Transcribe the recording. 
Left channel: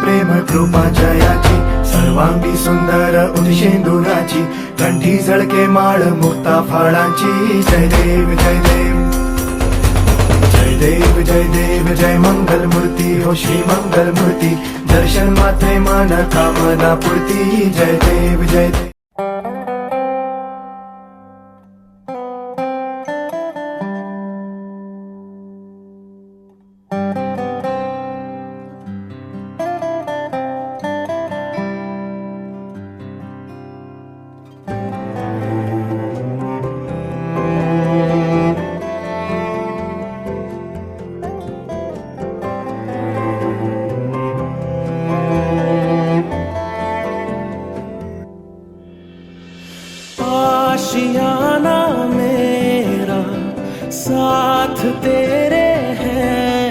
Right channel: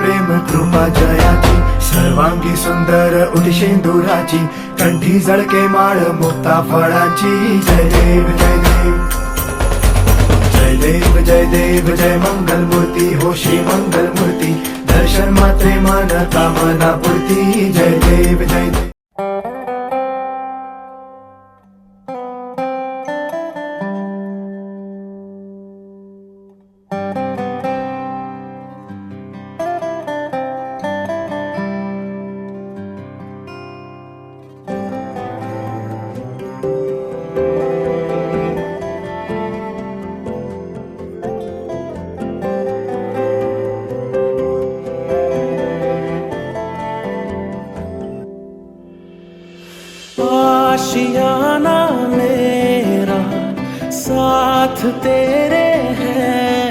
प्रेम कृपा जयाची, सर्वांगी सुंदर उदिशेंदुराची, कंठी झळके माळ मुक्ता फळाची. जय देव जय देव जय देव जय देव जय मंगल मूर्ती हो श्री मंगल मूर्ती, दर्शन मात्रे मन कामना पूर्ती. जय देव जय देव. आशियाना मेरा साथ तेरे है,